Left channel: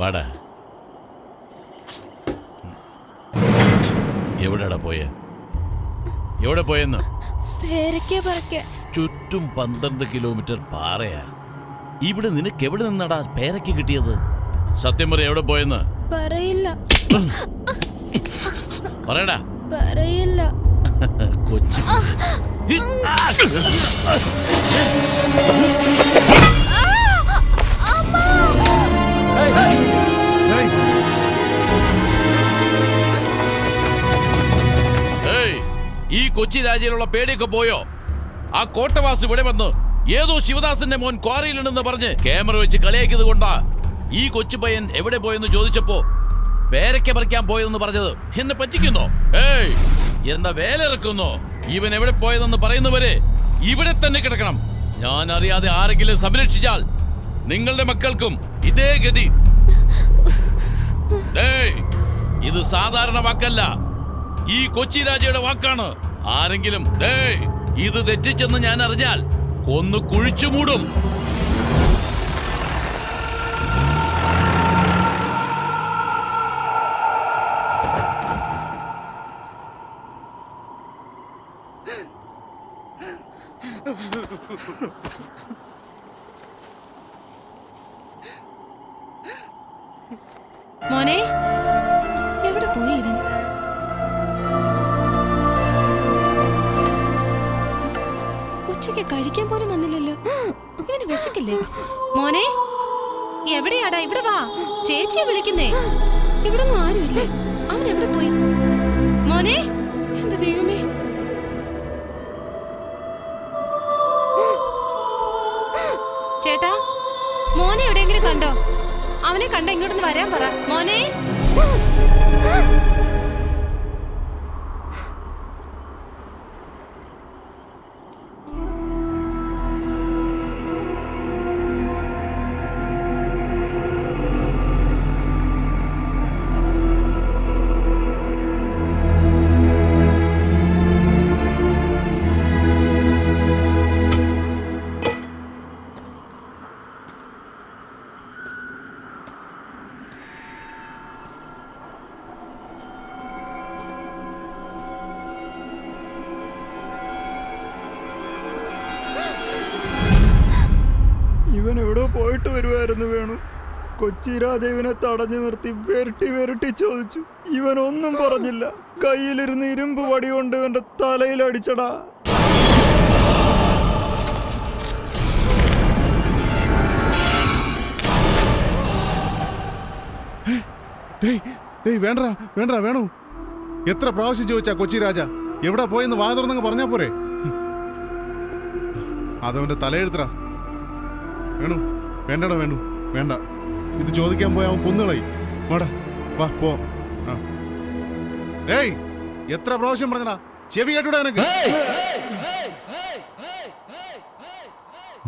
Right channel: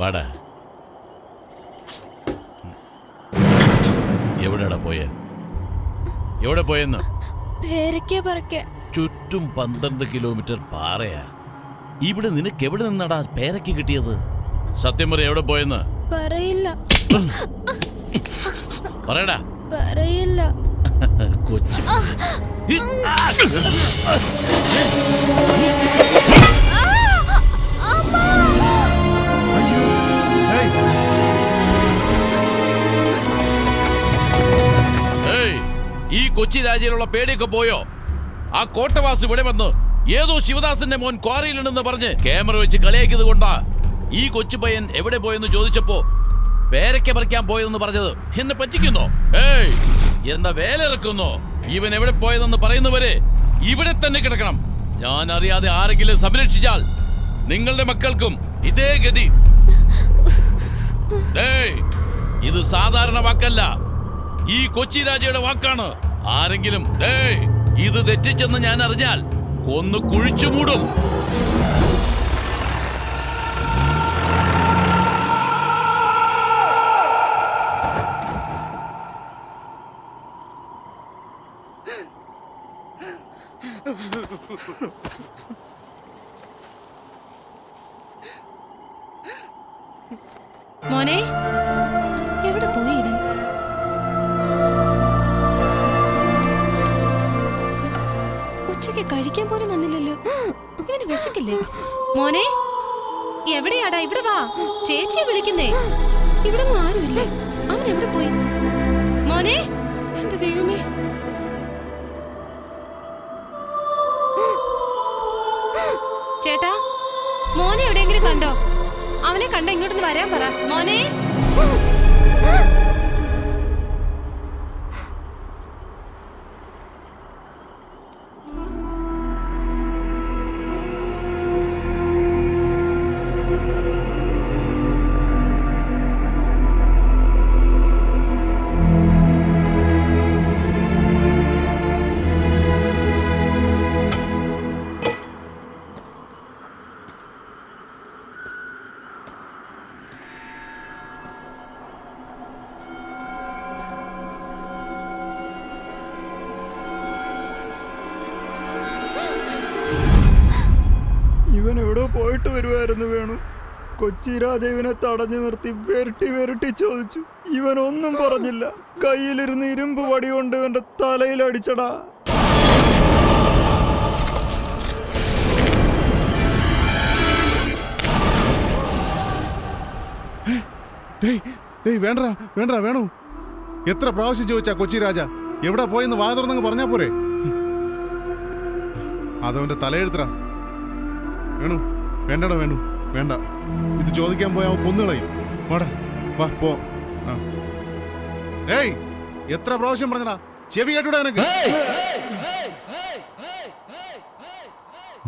വാടാ. എവിടെടാ പോയെ? എവിടെ പോയെന്ന്? ചുറ്റും 12 കിലോമീറ്റർ പാറയാ. ഇവിടെ നിനക്ക് എവിടെ നിന്നാടാ പേരയ്ക്ക് കിട്ടിയത്? സത്യം പറ, എവിടെ പോയെന്ന്? പറയില്ല. പറയടാ. പറയില്ല. കൊച്ചു ഈ കൊച്ചി രാജ്യയിലുള്ള പേടിയൊക്കെ പോയോ? ആ കോട്ടവാസ് ഇവിടെ വന്ന് ഏതോ ശിവദാസന്റെ മോൻ ക്വാറിയിലുണ്ടെന്ന് പറഞ്ഞ് ക്യാമറ വെച്ച് കളിയാക്കിയത് കൊണ്ടാ ഈ കൊച്ചു പയ്യൻ എവിടെ പോയെന്ന് ചോദിച്ചപ്പോ പേരയ്ക്ക പറിക്കാൻ പോയതെന്ന് പറഞ്ഞത്. എന്നെ പറ്റിക്കുന്നോ? എന്താ വേല ഇറക്കുന്നോ? ഇവൻ എവിടെ പോയതെന്ന് പറയുന്നവരെ ഇവിടെ തന്നെ കിടക്കണം. ഞാൻ അറിയാതെ ആരെങ്കിലും സംരക്ഷിച്ചാൽ നിങ്ങളുടെ മക്കൾക്കും ഇതേ ഗതി. ഇത് സാധാരണ വാക്കല്ല, ഈ കൊച്ചി രാജയുടെ വാക്കാണ്. ആരെങ്കിലും ഇത് തെറ്റിച്ചെന്ന് ഞാൻ അറിഞ്ഞാൽ കൊന്നു കുഴിച്ചു മൂടും. മോനെ, എവിടെ പോയി ഇവൻ? ഉച്ചയ്ക്ക് കഴിക്കാൻ പോലും വന്നില്ലല്ലോ. ഇവന് വിശക്കില്ലേ? മോനെ, എവിടെയാടാ? ഇവിടെ വാ, ചേച്ചിയെ വിളിക്കുന്നേ. ഇവിടെ ഒന്നും ആരുമില്ലേ. അവൻ എവിടെ പോയി? മോനെ, എന്റെ ദൈവമേ. ചേട്ടാ, മോനെ എവിടെയെങ്കിലും കണ്ടോ? അവനെ കണ്ട ഇങ്ങോട്ടൊന്ന് വരാൻ പറ. മോനെ, ഇവൻ എവിടെ പോയിട്ട് വരുമായിരുന്നു വേണു. കൊച്ചി രാജ ഇവനെ തടഞ്ഞു നിർത്തി വെരട്ടി ചോദിച്ചു. ഇവനൊന്നും പറഞ്ഞില്ല. കയ്യിലിരുന്ന് ഇരുമ്പ് വടി കൊണ്ട് ഇവന്റെ തലയിൽ അടിച്ചടാ. വേണ്ട വേണു. എത്ര പ്രാവശ്യം ചോദിച്ചാ കൊച്ചി രാജ എവിടെ പോയെന്ന് വാ തുറന്നങ്ങ് പറഞ്ഞാ പോരെ? അതവന്റെ തലയെഴുത്തറ. വേണു, വേണ്ടടാ വേണു, വേണ്ട. ഇത് ചോദിക്കാൻ പോയാ അവൻ കൊന്നുകളയും. വാടാ, വാ പോ. എത്ര പ്രാവശ്യം പറഞ്ഞടാ, ചെവി കേട്ടൂടാ നിനക്ക്?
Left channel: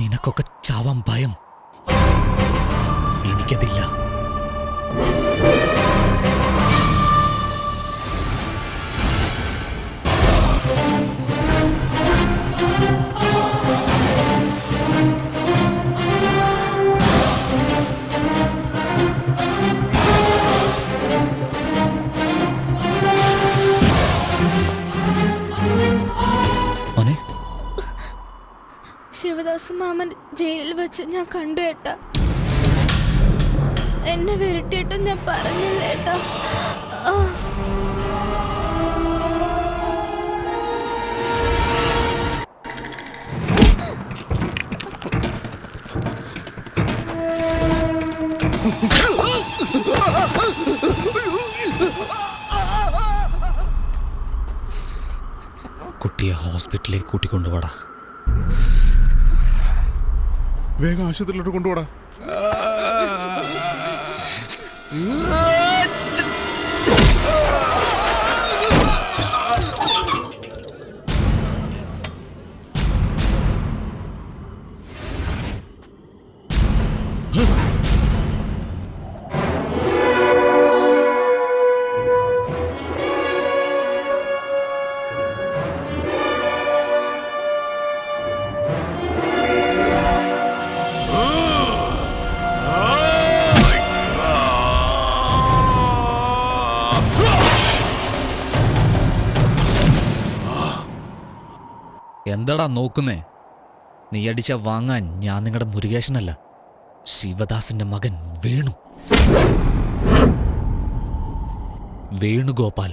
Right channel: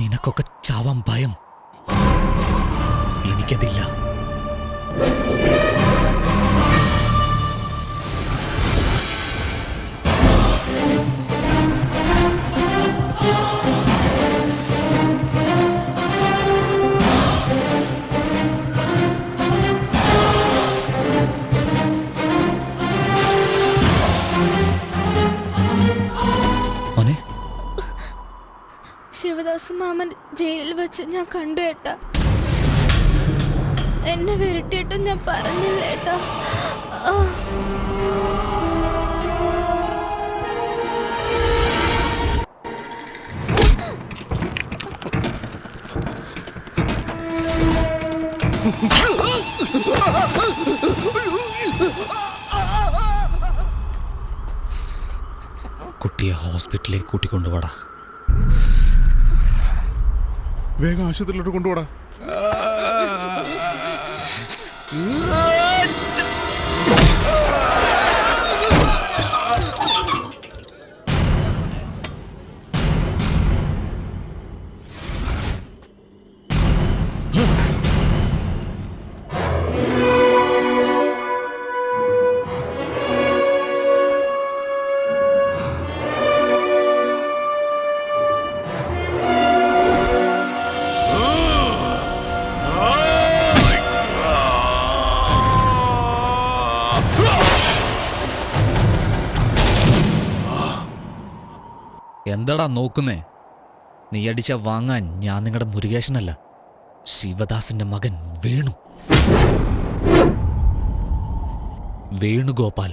നിനക്കൊക്കെ ചാവാൻ ഭയം, എനിക്കതില്ല. ശിവദാസ് മാമൻ ജയിലിൽ വെച്ച് ഞാൻ കണ്ടു ഏട്ടാ. എന്നെ വിരട്ടിയിട്ടും ഞാൻ പറഞ്ഞില്ല ഏട്ടാ. കുട്ടിയെ ഹോസ്പിറ്റലിലേക്ക് കൂട്ടിക്കൊണ്ടുപോടാ. വേഗം ആശുപത്രിയിലോട്ട് കൊണ്ടുപോടാ. എന്താടാ നോക്കുന്നേ? നീ അടിച്ച വാങ്ങാൻ ഞാൻ നിങ്ങളുടെ മുരുകേശനല്ല, ശിവദാസിന്റെ മകൻ വേണു. വേണുഗോപാൽ.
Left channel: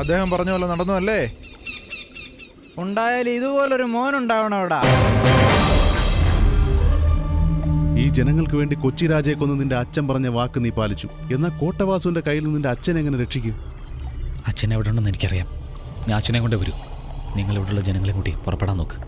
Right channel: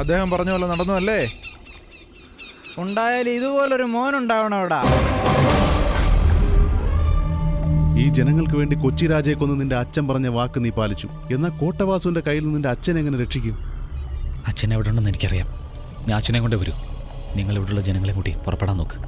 അദ്ദേഹം പറഞ്ഞ പോലെ നടന്നു അല്ലേ? ഉണ്ടായാലും ഇതുപോലൊരു മോനുണ്ടാവണം അവിടെ. ഈ ജനങ്ങൾക്ക് വേണ്ടി കൊച്ചി രാജയെ കൊന്ന് നിന്റെ അച്ഛൻ പറഞ്ഞ വാക്ക് നീ പാലിച്ചു. എന്നാൽ കോട്ടവാസുവിന്റെ കയ്യിൽ നിന്ന് നിന്റെ അച്ഛൻ എങ്ങനെ രക്ഷിക്കും? അച്ഛൻ എവിടെ ഉണ്ടെന്ന് എനിക്കറിയാം. ഞാൻ അച്ഛനെ കൊണ്ടേ വരൂ. നിങ്ങൾ ഇവിടെയുള്ള ജനങ്ങളെ കൂട്ടി പുറപ്പെടാൻ നോക്ക്.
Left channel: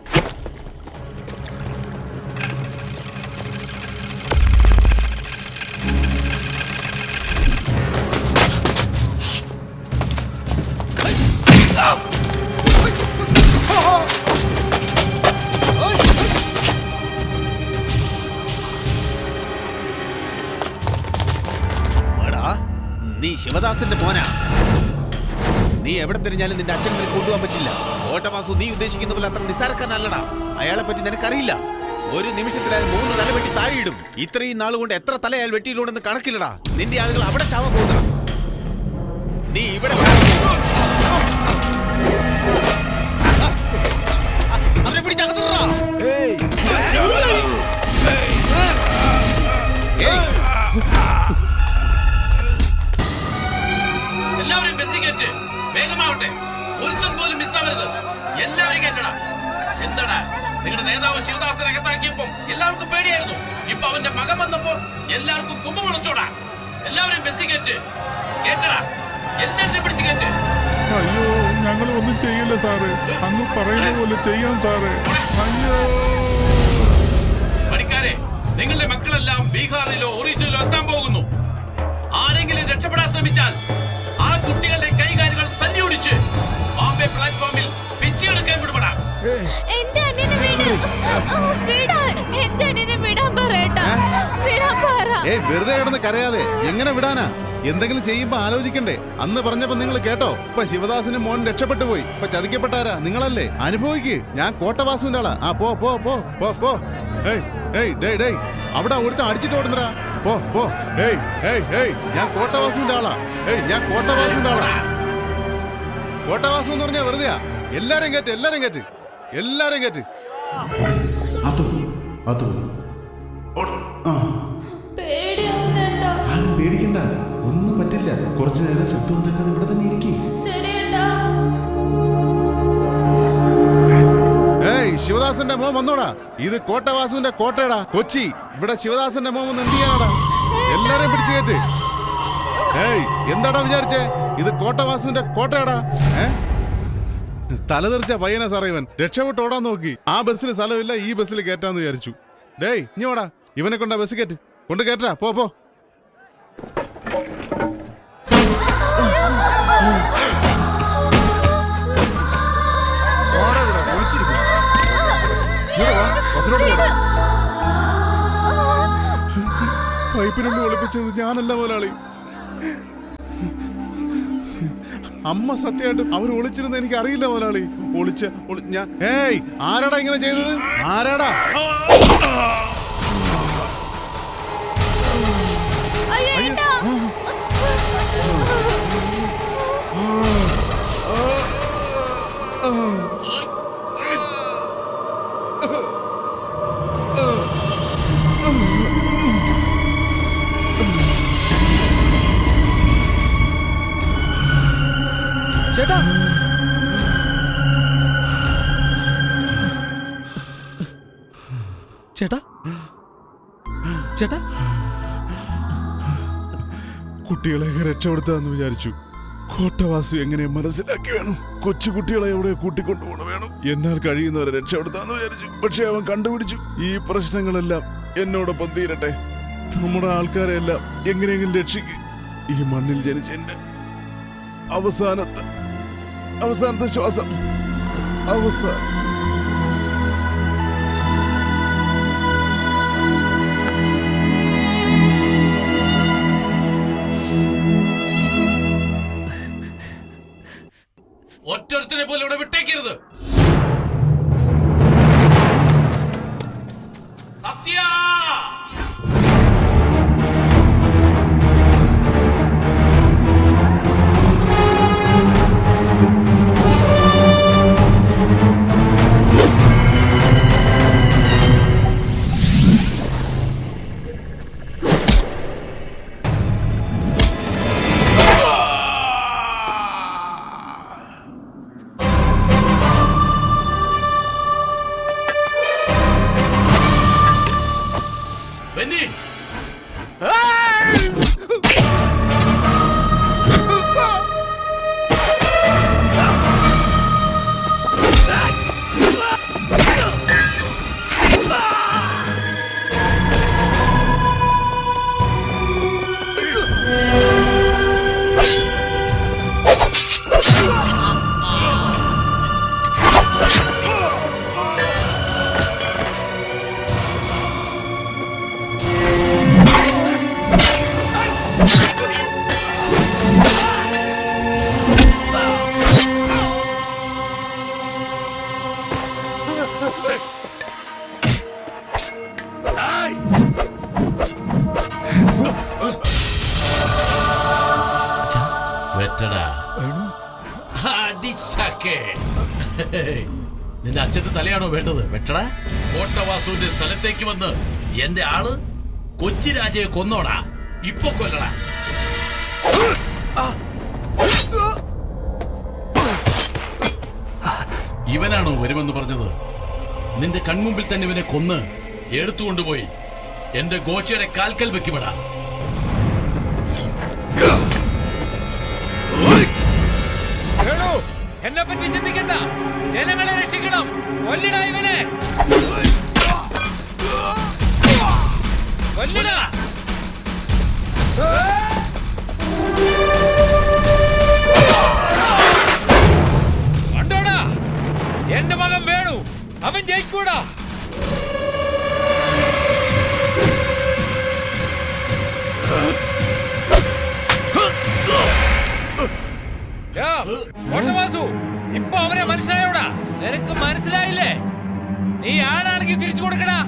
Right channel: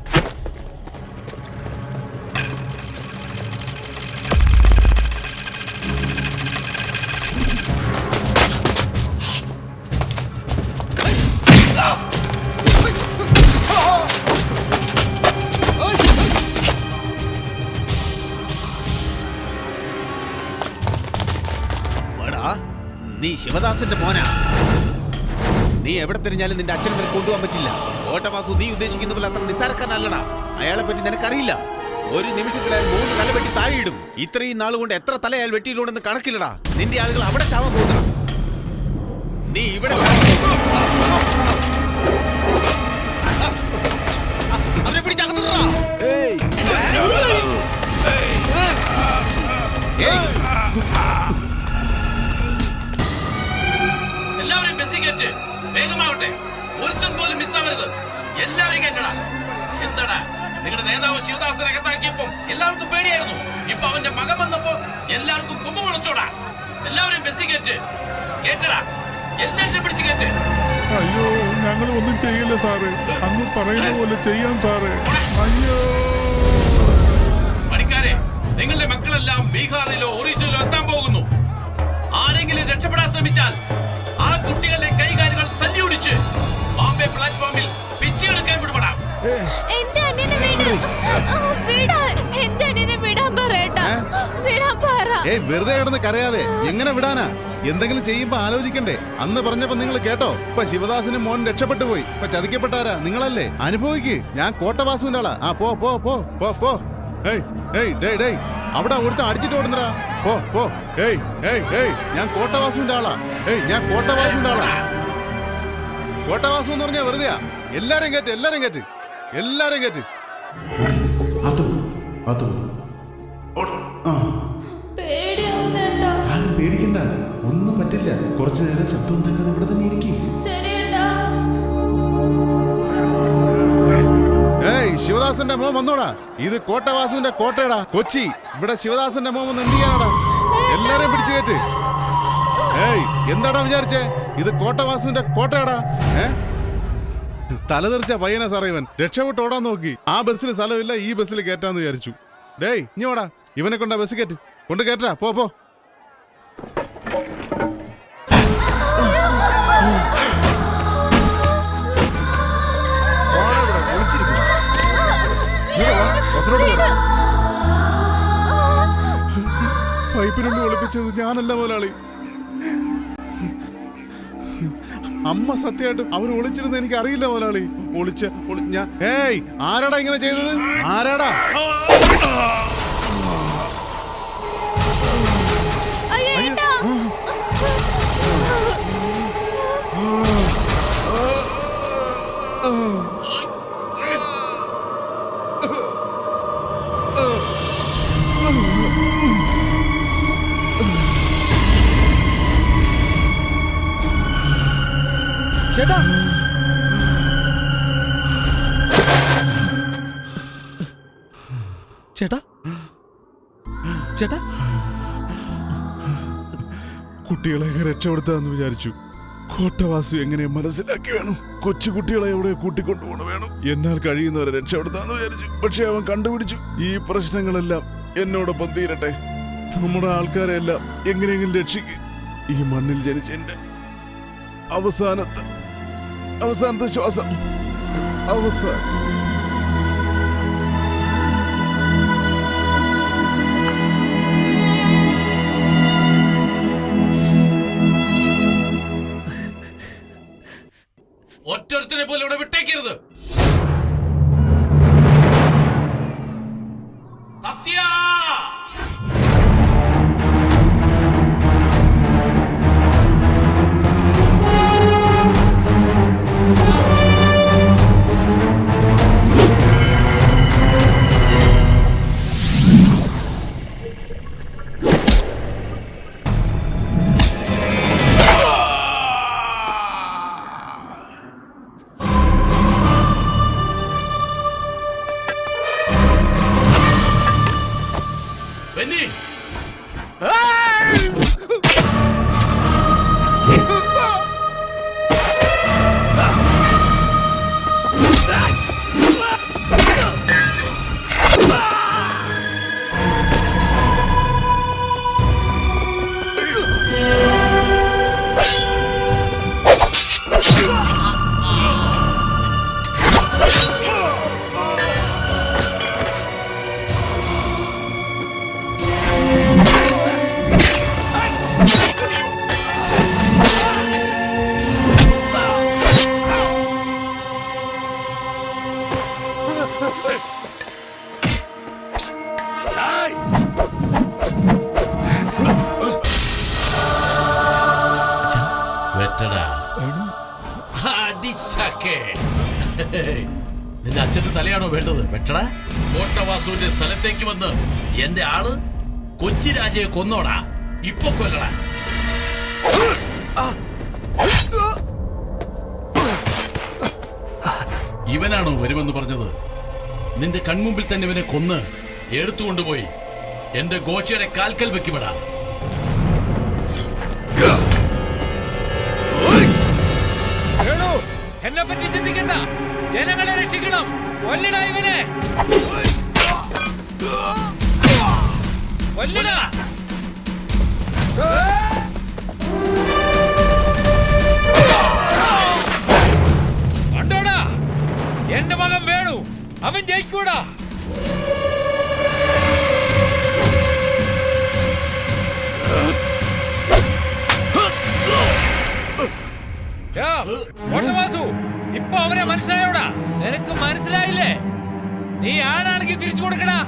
നീ ശിവദാസന്റെ മോനാ. നീ എവിടെ തിരിഞ്ഞാലും നിന്റെ അച്ഛനെ നിനക്ക് കൊണ്ടുപോകാൻ പറ്റില്ല. കോട്ടവാസു നീ ഉദ്ദേശിക്കുന്ന പോലെ അത്ര നിസ്സാരക്കാരനല്ലടാ. അയാളെ പറ്റി നിനക്കറിയില്ല. ഒരു നിമിഷത്തിൽ അയാൾ 3 തല വെട്ടി താഴെയിടും. ഇത്രയും നാളുകൊണ്ട് എത്ര തല അയാൾ വെട്ടിയിട്ടുണ്ടെന്ന് കണക്കില്ലടാ. നിന്റെ ആളുകൾ അവിടെ ചാവാൻ പോകുന്നടാ. നീ ഇവിടെ അവരെ പിടിച്ചകത്തിടാ. എല്ലാവരും ബസ്സിൽ കയറ്റ്. വേഗമാവട്ടെ. ഒരുത്തൻ പോലും മിസ്സാവരുത്. എല്ലാവരും കയറ്റടാ. എന്താടാ നിങ്ങളുടെ നേതാവ് ശിവദാസനെ അകത്താക്കിയപ്പോ എല്ലാവർക്കും പേടിയായിരുന്നു. ഇപ്പൊ അവന്റെ മകൻ വന്നപ്പോ എല്ലാവർക്കും കൊമ്പ് മുളച്ചോടാ. എല്ലാവരും ബസ്സിൽ കയറ്റ്. കേറ്റടാ. എല്ലാവരും പിടിച്ച് കയറ്റ്. അയ്യോ ഞങ്ങൾ ഒന്നും ചെയ്യില്ല സാറേ, അങ്ങ് പറയുന്ന പോലെ ചെയ്യാം സാറേ. അയ്യോ പണിക്കാരെ, നിങ്ങളുടെ മക്കളെല്ലാം ബീഹാറിലോ ഒറീസയിലോ എത്താൻ പോകുന്നു. ആരെങ്കിലും രക്ഷപ്പെടാൻ ശ്രമിച്ചാൽ ആ കുട്ടികളുടെ കൈകാലുകൾ തല്ലിയൊടിച്ച് ബോംബെ പ്ലാറ്റ്ഫോമിൽ പിച്ചെടുക്കാൻ വിടുപെടാം. എന്റെ അനിയനെ എന്റെ അനിയനെ വിടാൻ പറയട്ടാ, വിടാൻ പറ. വെറുതെ കിടന്ന് കരയാതെ എങ്ങനെ വിടാനാ? എന്തെങ്കിലും ചെയ്യുമ്പോ ആലോചിക്കണ്ടേ? അന്ന് പറഞ്ഞപ്പോ നിങ്ങൾ കേട്ടോ? ഇപ്പൊ ശിവദാസിന് മോൻ രക്ഷപ്പെട്ടു പോയി. ഇപ്പൊ ചതിക്കപ്പെട്ടാരാ? നിങ്ങളല്ലേ? അനുഭവിക്ക്. ഞാൻ കോട്ടവാസുവിന്റെ ആളാ. ആ പോ പോ പോ പോ പോ. ഏയ് ഏയ് ഡേയ് ഡേയ്, അവിടെ ഒരുത്തൻ അടിച്ചിട്ട് ഓടുന്നടാ. പോ പോ. ഏയ് ഏയ് ഏയ്, ഞാൻ കോട്ടവാസുവിന്റെ ആളാ. ഏയ് ഞാൻ കോട്ടവാസുവിന്റെ ആളാ. കോട്ടവാസു എന്ന് പറഞ്ഞാ വെറുതെയാ. എല്ലാരും കേട്ട്, എല്ലാരും കേട്ട്, എല്ലാരും കേട്ട്. ആരും പേടിക്കണ്ട, ഒന്നും പറ്റില്ല. കുറച്ചു നേരം ശബ്ദം ഉണ്ടാക്കാതെ ഇവിടെ തന്നെ ഇരിക്കും. ഏയ് ശിവദാസന്റെ മോൻ വന്നോടാ. ഇത് കോട്ടവാസുവിന്റെ കോട്ടയടാ, കൊച്ചി. ഇവിടെ ശിവദാസന്റെ മോൻ വന്ന് എന്ത് ചെയ്യാനാടാ? എല്ലാരെയും പിടിച്ചു കയറ്റ്. ഏയ് എന്താടാ വിചാരിച്ചേ? ഇത് കോട്ടവാസുവിന്റെ കോട്ടയടാ. തലതെറിച്ച പയ്യനാ സാറേ ഇവൻ. രക്ഷപ്പെട്ട് ഓടാൻ നോക്കി. ആ ബസ്സിൽ സ്ഥലമില്ല, ഈ ബസ്സിൽ കയറ്റാന്ന് വിചാരിച്ചു. ഡേയ് ഇനി ഓടാ, ഇവനെ കൊണ്ടാ ബസ് കയറ്റ്. കൊണ്ട് കയറ്റാ. പോ പോ. പൈപ്പിനുള്ളിൽ ഒളിപ്പിച്ചത് ഞാനല്ല മുതലാളി. അമ്മ സത്യമായിട്ടും അവർ ഒളിച്ചിരുന്ന് എനിക്ക് അറിയില്ല മുതലാളി. ഞാൻ ഏയ് ആരാടാ ഇങ്ങനെ ചെയ്തത്? ആരാടാ? ചേട്ടാ, ചേട്ടാ, ചേട്ടാ, കുട്ടികളെയൊക്കെ രക്ഷപ്പെടുത്താന്ന് വിചാരിച്ചു. കോട്ടവാസു എങ്ങനെ മനസ്സിലാക്കി വേണം. കൊച്ചുകുട്ടികളെ എവിടെ കൂട്ടിക്കൊണ്ടുപോകണം വേണം. എന്നാൽ കഴിയുന്നവരെ രക്ഷപ്പെടുത്താന്ന് വിചാരിച്ചു. പക്ഷെ അവൻ കണ്ടുപിടിച്ചു. ഈ പ്രശ്നങ്ങളെല്ലാം എന്നോടൊപ്പം തീരട്ടെ. നമ്മുടെ ആൾക്കാരെ എല്ലാം എങ്ങനെയെങ്കിലും രക്ഷിക്കും. ഈ മണ്ണിൽ ജനിച്ച എന്റെ അവസാനത്തെ ശ്വാസം. അവസാനം. ഒറ്റൊരുത്തനെ പോലെ ഇവിടെ വിട്ടേക്കരുത്. സത്യ ബെന്നി, വെട്ടടാ. അടിച്ചക്കെ. നിന്റെ അച്ഛന്റെ തലയാണോ വേണ്ടത്? വെട്ടടാ. കോട്ടവാസുവിന്റെ സ്ഥലത്തേക്ക് വന്ന് എന്റെ ആള് കൊച്ചി രാജയെ കൊന്നോടാ. ഇപ്പൊ കൊല്ലടാ. ഇവനാണോ വരുമെന്ന് പറഞ്ഞത്? നിന്റെ കൺമുമ്പിൽ തന്നെ ഇവനെ കൊന്ന് എടുത്തുകൊണ്ടുപോയി എന്റെ ഗോച്ചയുടെ കാൽക്കൽ വെക്കുമെടാ. വേണു എന്നെ പറ്റി ചിന്തിക്കണ്ട, ജനങ്ങളെ രക്ഷിക്കണം. കൊല്ലടാ ഇവനെ, കൊല്ലടാ. കണ്ടോടാ, എന്റെ മകൻ വേണു, അവൻ ജയിക്കൂടാ. വാസു, ഇപ്പൊ അവനെ മനസ്സിലായോടാ? നിനക്ക് മനസ്സിലായില്ലേ? നീ ആണാണെങ്കിൽ തിരിച്ചു കൊടുക്കടാ.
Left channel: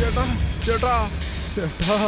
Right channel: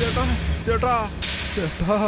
ചേട്ടാ ചേട്ടാ ചേട്ടാ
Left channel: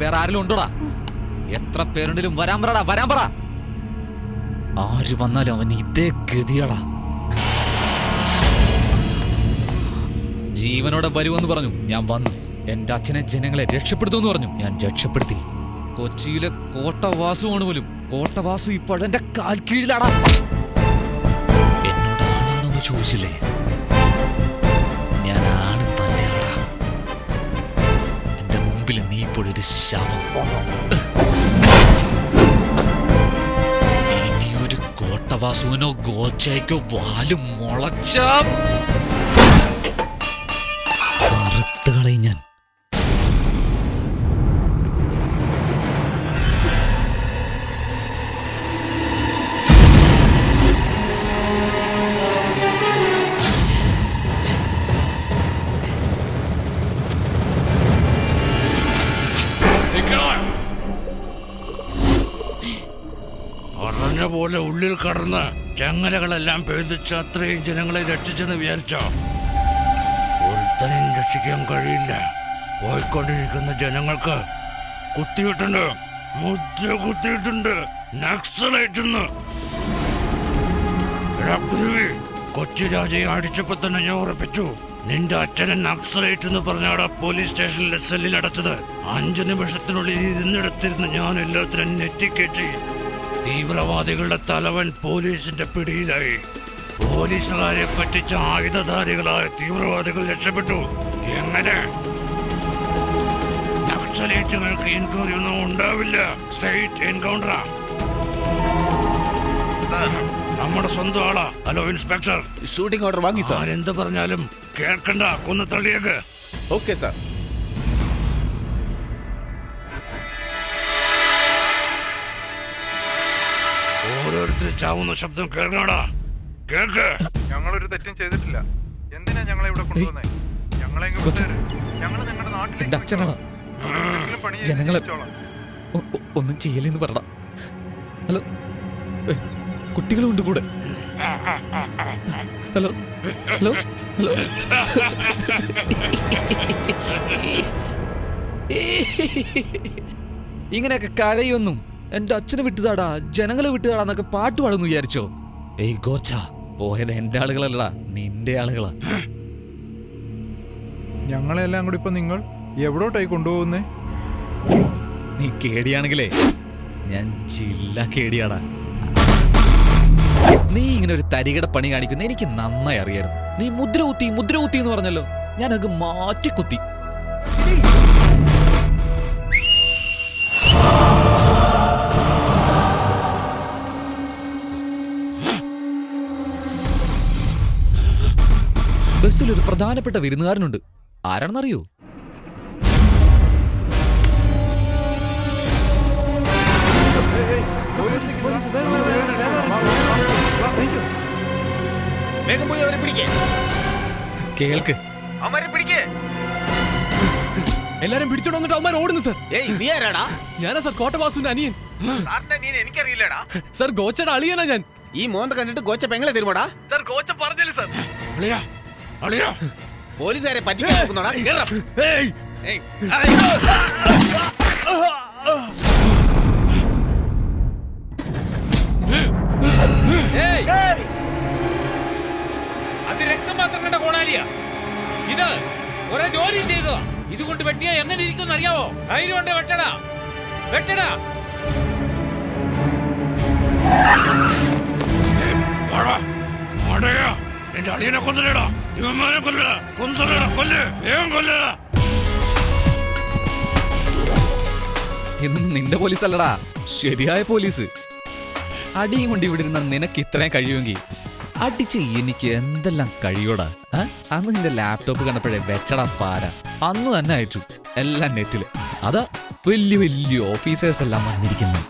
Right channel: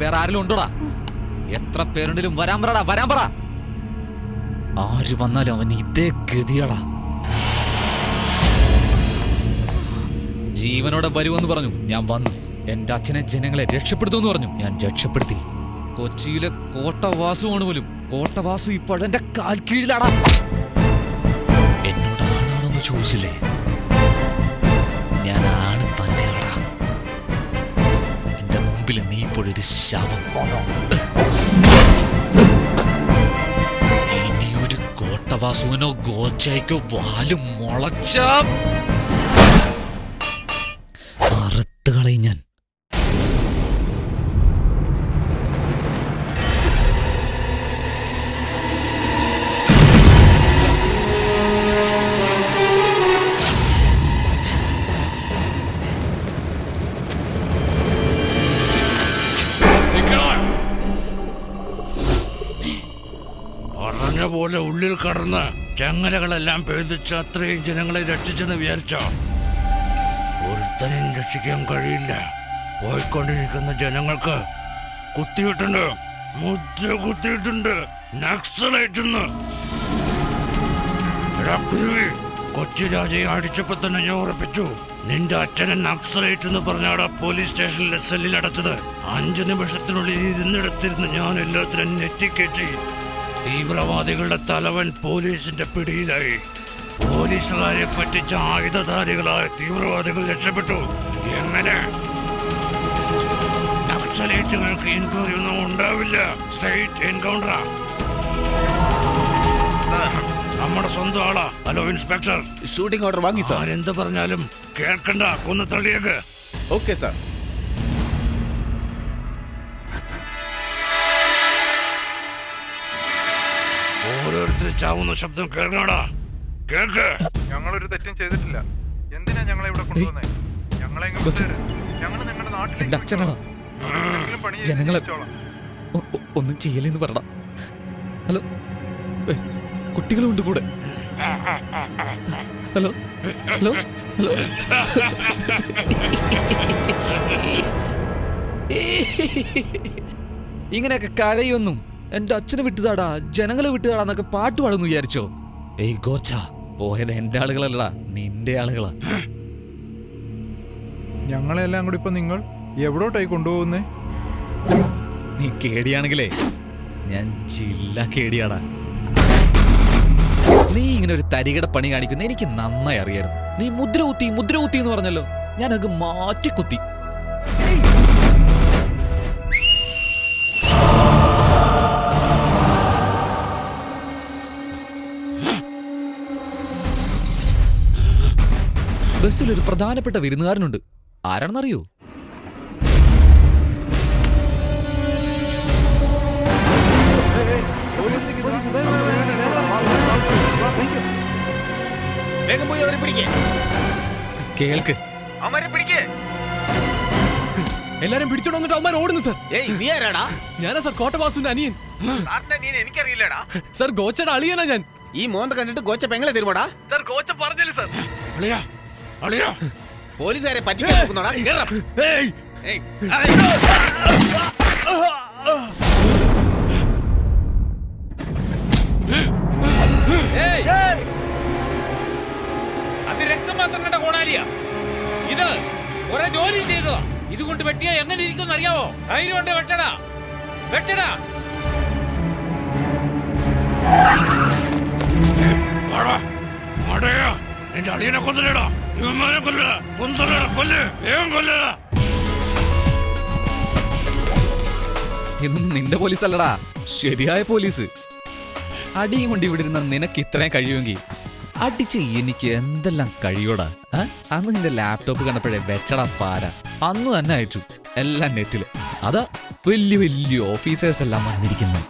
വേറെ ആരെങ്കിലും ഉണ്ടോടാ? എത്ര പേരുണ്ടെങ്കിലും വരാൻ പറടാ, വരാൻ പറ. ആര് വന്നാലും അവൻ ഇതേ ഗതിയാടാ. ജീവനോടെ വരുമെന്ന് പറഞ്ഞു, ഞാൻ വന്നു. എന്റെ അച്ഛനെ ജനങ്ങളെ രക്ഷപ്പെടുത്തുമെന്ന് പറഞ്ഞു, ഞാൻ രക്ഷപ്പെടുത്തി. കൊച്ചിയിലെ കോട്ടവാസുവാണ് പോലും. കോട്ടവാസു ഇപ്പോൾ എന്റെ കാൽ കീഴിലാടാ. എന്നോട് ആണാണെന്ന് ചോദിച്ചില്ലേ? ഞാൻ ആണ് തന്നെയാടാ. എന്റെ മുമ്പിൽ നീ ഇപ്പോഴൊരു ശവം. ഇനിയൊരു കോട്ടവാസുവിനോ ഗോച്ചയ്ക്കോ വാലും മുളച്ച അറുത്തുകളയും ഞാൻ. പറഞ്ഞ പോലെ ഉള്ളിൽ കടന്ന് ചങ്ങലകളെല്ലാം പേദിച്ച് അത്രയും ജനങ്ങളെ രക്ഷിച്ചെന്ന് വിചാരിച്ചോ? ഒരുത്തനും രക്ഷിക്കാൻ കഴിയില്ല. പോയിക്കൊണ്ടിരിക്കുന്ന ജനങ്ങൾക്ക് കുത്തിയിട്ടുണ്ട്, മുദ്ര കുത്തിയിട്ടുണ്ട്, നക്സലൈറ്റ്. കൊച്ചി രാജയെ അടിച്ചപ്പോ തന്നെ ഞാൻ ഉറപ്പിച്ചു, നിന്റെ അച്ഛനെ നക്സലൈറ്റ് എന്ന് പറഞ്ഞാടാ പോലീസ് സ്റ്റേഷനിലെ സെല്ലിൽ അടച്ചത്. 5 നിമിഷത്തിനുള്ളിൽ ഇരുന്നിടത്തിരുന്ന് ഞാൻ എല്ലാത്തിനും നെറ്റിക്കേറ്റി. തീവ്രവാദികളുടെ തലവൻ പോലീസിന്റെ പിടിയിലായി. പോലീസുകാരെ പറ്റിച്ച ആയുധധാരികളായ തീവ്രവാദികൾ രക്ഷപ്പെട്ടു. എങ്ങനെ? നക്സലൈറ്റുകൾക്ക് എൻക്വയറി ഒന്നും ഉണ്ടാവില്ല. സ്ട്രെയിറ്റ് എൻകൗണ്ടറാ. നമ്മുടെ സ്വന്തം ആളാ. ഹലോ ഇൻസ്പെക്ടർ, ഷൂട്ടിംഗ് ഓർഡർ വാങ്ങി സാർ. ആരെന്ത് പറഞ്ഞാലും കേൾക്കണ്ട, കൊന്നു തള്ളിയേക്ക്. Okay sir. ഓരോ ഓരോരുത്തർ ചാവുന്ന ശബ്ദം കേൾക്കണടാ. കേൾക്ക്. ഞങ്ങളൊരു തെറ്റും ചെയ്തിട്ടില്ല. എന്തിനാ ഞങ്ങളെ ഇവിടെ കൊണ്ടുവന്നേ? ഞങ്ങളെ ഇങ്ങ് വിട്ടേര്. ഞങ്ങള് നിങ്ങളുടെ നാട്ടിലേക്ക് എന്റെ അച്ഛനാടാ. എന്തെങ്കിലും പണി ചെയ്ത് ജനങ്ങളെ ജീവിച്ചോളാം. ഒന്നും ചെയ്യലെന്ന് പറടാ. ഹലോ, കുട്ടികളുണ്ട് കൂടെ. Hello hello hello. ഇങ്ങനെയൊക്കെ കരയൊന്നും എന്റെ അച്ഛനെ വിട്ടുതാടാ, ജനങ്ങളെ വിട്ടുതാടാന്നൊക്കെ പാട്ട് പാടുന്നു വിചാരിച്ചോ? ഏയ് ഗോച്ച, പോയത് എന്റെ ആളുകളല്ലടാ, നിന്റെ ആളുകളാ. ഞങ്ങളെല്ലാം കൂടി ഇപ്പൊ നിങ്ങൾ എവിടോട്ടായി കൊണ്ടുപോകുന്നേ? നീ കേടിയാണെങ്കിലേ ഞാൻ ജില്ല കേടിയാടാ. നീ ഇങ്ങനെ ഒരു തരികട പണി കാണിക്കുന്ന എനിക്ക് നന്നായി അറിയായിരുന്നു. നീ മുദ്ര കുത്തി എന്ന് പറഞ്ഞല്ലോ, ഞാനത് മാറ്റി കുത്തി. ബസ്സിലൊരു പ്രധാനപ്പെട്ട വിരുന്നുകാരനുണ്ട്. ആരാണെന്നറിയോ? വേഗം പോയി അവരെ പിടിക്കേ. കേൾക്ക്. അവരെ പിടിക്കേ. എല്ലാരും പിടിച്ചോണ്ട് വന്നിട്ട് അവന്മാർ ഓടുന്നു സാർ. ഏയ് നീ ആരാടാ? ഞാനാ സാർ കോട്ടവാസുവിന്റെ അനിയൻ. സാറിന്റെ അനിയൻ എനിക്കറിയില്ലടാ. സാർ ഗോച്ചയുടെ അളിയനാ ഞാൻ. ഈ മോന്ത കണ്ടിട്ട് ഗോച്ച പെങ്ങളെ തരുമോടാ? സാർ ഗോച്ച പറഞ്ഞില്ല സാർ. അളിയാ, അളിയാ. പോലീസുകാരെ പറ്റിക്കാൻ നോക്കുന്നോടാ? കേറാ. ഏയ്, ഏയ്, ഏയ്, അത് രക്തം മാത്രം കണ്ട കോണാലിയാ. ഇത് ഒരേ ജോലി ചെയ്തതാ. ഇതുകൊണ്ട് വെട്ടിയാ എങ്ങനെ ഇരിക്കും അറിയാവോ? ധൈര്യം ഉണ്ട്, വെട്ടടാ, വെട്ടടാ. വാടാ, വാടയാ. എന്റെ അളിയനെ കൊല്ലടാ, ഇവന്മാരെ കൊല്ലടാ, കൊല്ല്, വേഗം കൊല്ലടാ. ഇതൊന്നും നിന്റെ പോലീസ് അല്ലടാ, ശരിയായ പോലീസ്. അടിയും കൊണ്ട് ഇവിടെ ഇരുന്ന നിനക്ക് ഇത്രയും കഴിയുമെങ്കിൽ അടിച്ച് എനിക്ക് എന്തെല്ലാം കഴിയോടാ. അന്ന് നിന്റെ ലാപ്ടോപ്പ് കണ്ടപ്പോഴേ വെച്ചടാ പാര. അന്ന് തന്നെ അയച്ചു എല്ലാം നെറ്റില്. അതാ വലിയ വലിയ ഓഫീസേഴ്സ് എല്ലാം വന്നിരിക്കുന്നു.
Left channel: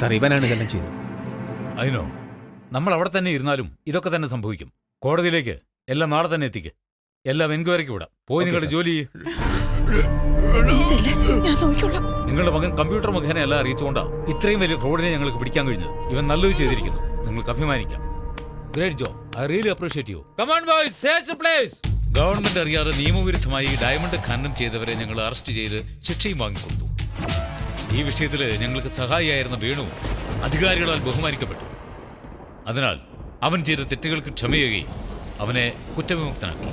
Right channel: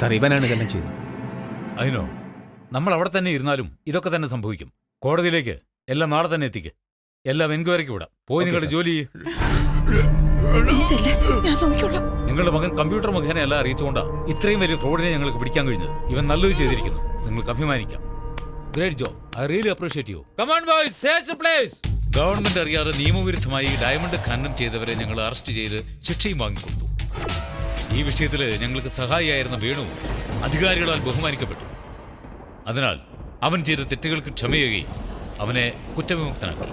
സാർ, ഇവനാണ് ഇതെല്ലാം ചെയ്തത്. അതിനോ നമ്മൾ അവിടെ തന്നെ ഇരുന്നാലും ഇതൊക്കെ തന്നെ സംഭവിക്കും. കോടതിയിലേക്ക് എല്ലാം നാളെ തന്നെ എത്തിക്ക്. എല്ലാം എൻക്വയറിക്ക് വിടാം. പോയി നിങ്ങളുടെ ജോലി. നിങ്ങളുടെ മകൻ കമ്പ്യൂട്ടർ മുഖേന എല്ലാം അറിയിച്ചുകൊണ്ടാ ഇത്രയും വലിയ ഫ്രോഡിനെ ഞങ്ങൾക്ക് പിടിക്കാൻ കഴിഞ്ഞത്. ഇവൻ നല്ലത് ചെയ്തിരിക്കുന്നു, നിങ്ങൾക്ക് അഭിമാനിക്കാം. Great job, I really appreciate you. Come on boys, search the place. Government അറിയാതെ നിയമവിരുദ്ധമായി ഡയമണ്ട് ഖനനം ചെയ്തവരെ ഞങ്ങൾ അറസ്റ്റ് ചെയ്ത് ശിക്ഷയും വാങ്ങിക്കൊടുത്തു. ഈ വിഷയത്തിൽ ഞങ്ങൾക്ക് സഹായിയായിരുന്ന വേണു അധികാരികളാൽ ബഹുമാനിക്കപ്പെട്ടു. അതിനാൽ അവൻ ചെയ്ത തെറ്റുകൾക്ക് ക്ഷമയുകയും അവനെ കുറ്റവിമുക്തനാക്കി.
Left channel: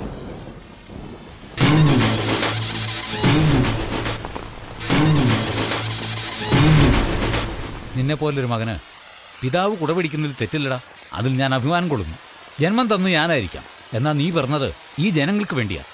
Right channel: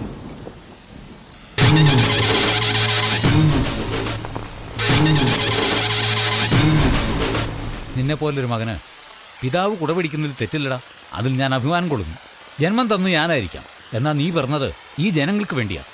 നിന്നെ പോലൊരു മകന് പിതാവ് കുടപിടിക്കുന്നതിൽ തെറ്റില്ലടാ. അതിൽ ഞാൻ അഭിമാനം കൊള്ളുന്നു. ജന്മം തന്നു ഞാനായിരിക്കാം, എന്നാൽ നീ പറഞ്ഞത് ഈ ജനങ്ങൾക്ക് വേണ്ടിയാ.